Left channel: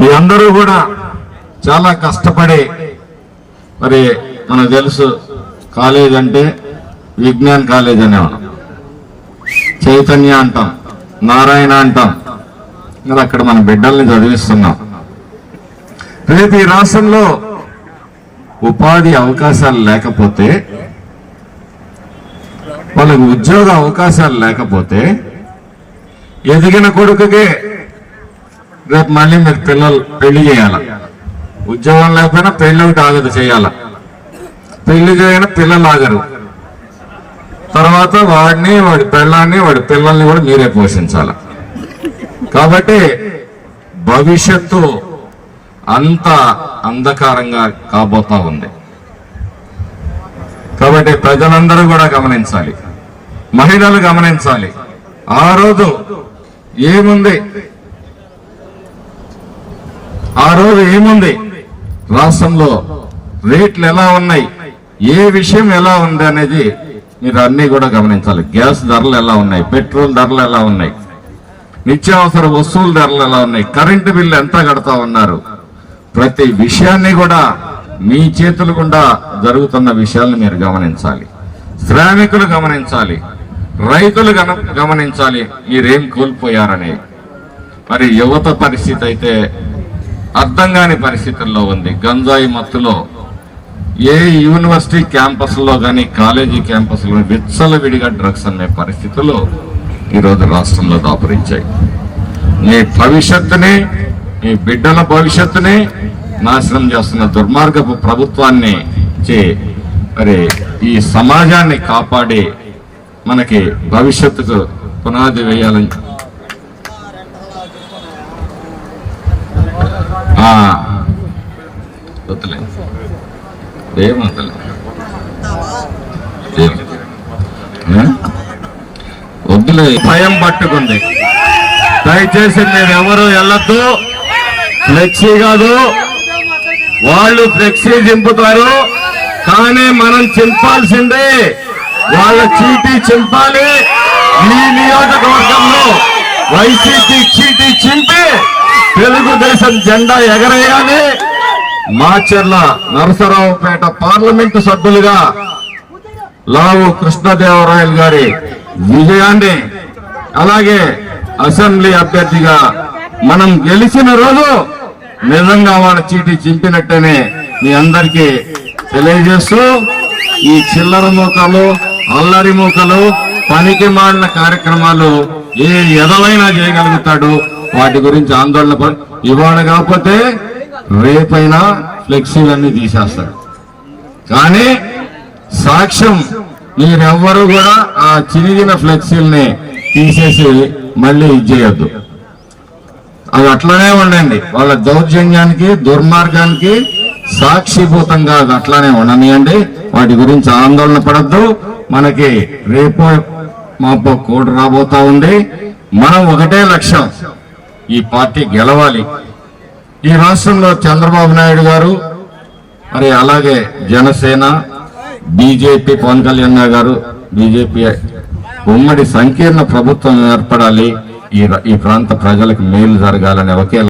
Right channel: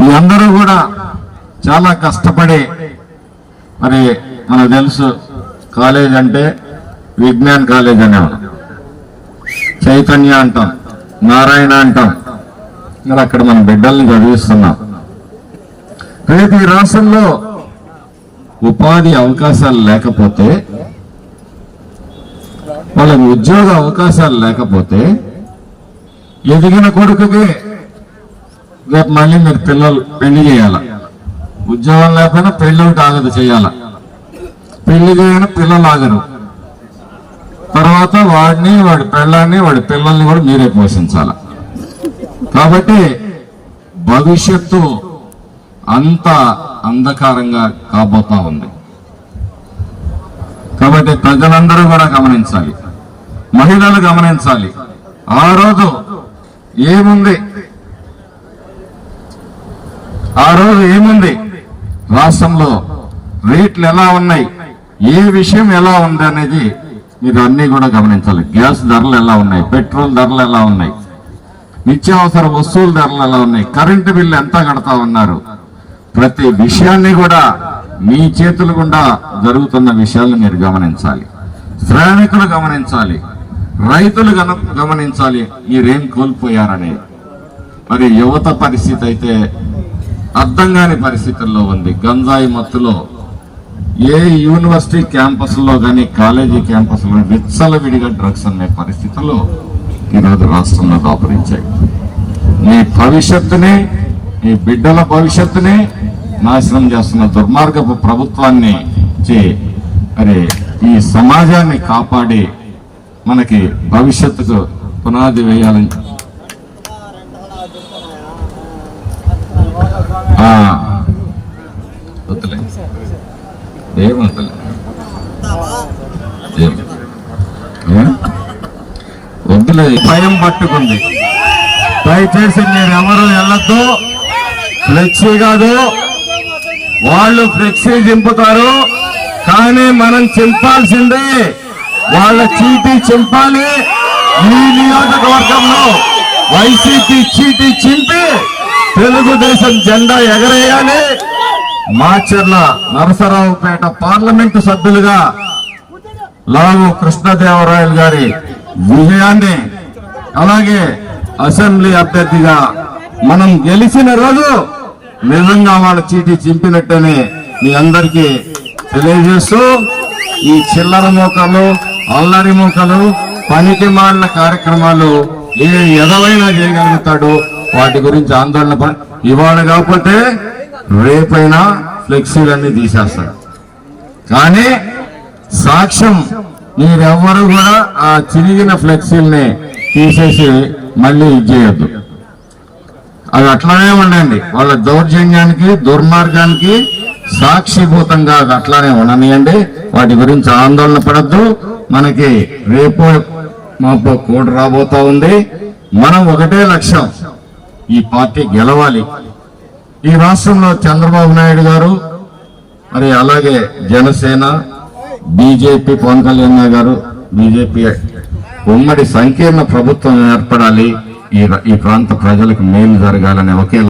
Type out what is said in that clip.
మీ అందరూ కూడా చాలా కష్టపడి మరి మనకు తెలుసు కాలేజ్ అంటే విజ్ఞాన్ కాలేజ్ అనేవాడు, చైతన్య అంటాం, నారాయణ అంటాం. మరి అక్కడ మన బిడ్డల్ని చదివిస్తున్నాం. రేపు ఈ రాష్ట్రంలో ఉపాధి అవకాశాలు లేకపోతే, వాళ్ళకు ఉద్యోగ అవకాశాలు లేకపోతే ఎదిగిన కొడుకుకే రేపు మళ్ళీ మీరు పిల్లలు పెళ్లి చేయాల. ఉద్యోగం లేకపోయినా పెళ్లి ఒకటి ఆగదు చేయాల. పెళ్లి చేయని పిల్లలు ఆగరు. తర్వాత వాడిని, వాడి పెళ్ళాన్ని, వాడి పిల్లల్ని కూడా మీరే పోషించాల. కాబట్టి భవిష్యత్తు అంత అంధకారంగా కాబోతా ఉంది. కాబట్టి ప్రజలందరూ కూడా గమనించాలి, మహిళలు గమనించాలి. ఆ రోజు ఏముంది, రాష్ట్రంలో రేట్లు ఎలా ఉన్నాయి, ఏ విషయం ఎలా ఉంది అనేది మీరు అన్ని కూడా గమనించాలి. గ్యాస్ ధరలు ఎలా ఉన్నాయి, పెట్రోల్ ధరలు ఎలా ఉన్నాయి, నిత్యావసర వస్తువుల ధరలు ఎలా ఉన్నాయి, కరెంటు బిల్లు ఎంత కడతా ఉన్నారు, ప్రతి విషయాన్ని కూడా మీ చేతుల గుండా జరుగుతున్న విషయాలను మీరు గమనించాలి. శ్రామికులు గమనించాలి, రైతులు గమనించాలి మీరేం కోల్పోయారని. మరి యువత పరిస్థితి అయితే అర్థం కాని పరిస్థితుల్లో ఉంది. గంజాయి మత్తులో ఏ యూనివర్సిటీ క్యాంపస్లో కానీ కాలేజీ క్యాంపస్లో విచ్చలవిడిగా డ్రగ్స్ అనే పరిస్థితుల్లో ఈరోజు రాష్ట్రంలో దాపురించాయి. మీ భవిష్యత్తుని, మీ బిడ్డల భవిష్యత్తుని నాశనం చేస్తున్న దుర్మార్గపు ప్రభుత్వాన్ని మరి ఈ సమాజాన్ని కాపాడి మనకి భవిష్యత్తుకు పునాది వేయాలని వద్దులే, భయం పట్టుకుంది. దయచేసి మేమెవరూ వెళ్ళొద్దు. ఫ్లెక్సీ కాదు, వాళ్ళు ఫ్లెక్సీ చింపుతారు, కానీ మనం చింపాల్సిందే. వాళ్ళ చీటీ చింపాలి. ఈ నియోజకవర్గంలో వైసీపీ చీటీ చింపి తెలుగుదేశం జెండా ఎగరేయాలి. మాచర్ల నరసరావుపేట పార్లమెంటు సభ్యులుగా లావు కృష్ణదేవరాయలు గారి విజయాన్ని, అలాగే అసెంబ్లీ అభ్యర్థిగా మనం గెలిచిన రోజు నిజంగా వాళ్ళ చీటీ చింపినట్టనే మీ అందరికీ తెలియజేస్తూ, ఈ చిల్లర మూకలు, అల్లరి మూకలు, పనికి మాలిన కార్యక్రమాలు ఏ ఎదవైనా చేయగలుగుతాడు. వాటి గురించి ఆందోళన ఇవాళ కాకపోతే రేపైనా ఫ్లెక్సీలన్నీ తీసేస్తారు. కానీ సాక్ష్యం మీరెవ్వరూ కూడా ఆ చినిగిన ఫ్లెక్సీల్ని తీసేసి మళ్ళీ ఇచ్చేయద్దు. అవి అట్లానే ఉండండి. వాళ్ళ దౌర్జన్యానికి, దుర్మార్గానికి సాక్షిభూతంగా అది అట్లానే ఉండనియండి. వాటి గురించి ఆందోళన పడద్దు. మనకి రేపు మాపో కోడ్ రాబోతా ఉంది. మనం ఒకటే లక్ష్యం, ఈ పార్టీ గెలవాలి. ఈ రాష్ట్రంలో చంద్రబాబు నాయుడు గారు, మరి అలాగే జనసేన, బీజేపీ, పవన్ కళ్యాణ్ గారు, బీజేపీ ఉమ్మడి సంకీర్ణ ప్రభుత్వం ఏర్పడాలి. ఈ ప్రాంత ప్రజలకు మేలు జరగాలనే ఒకే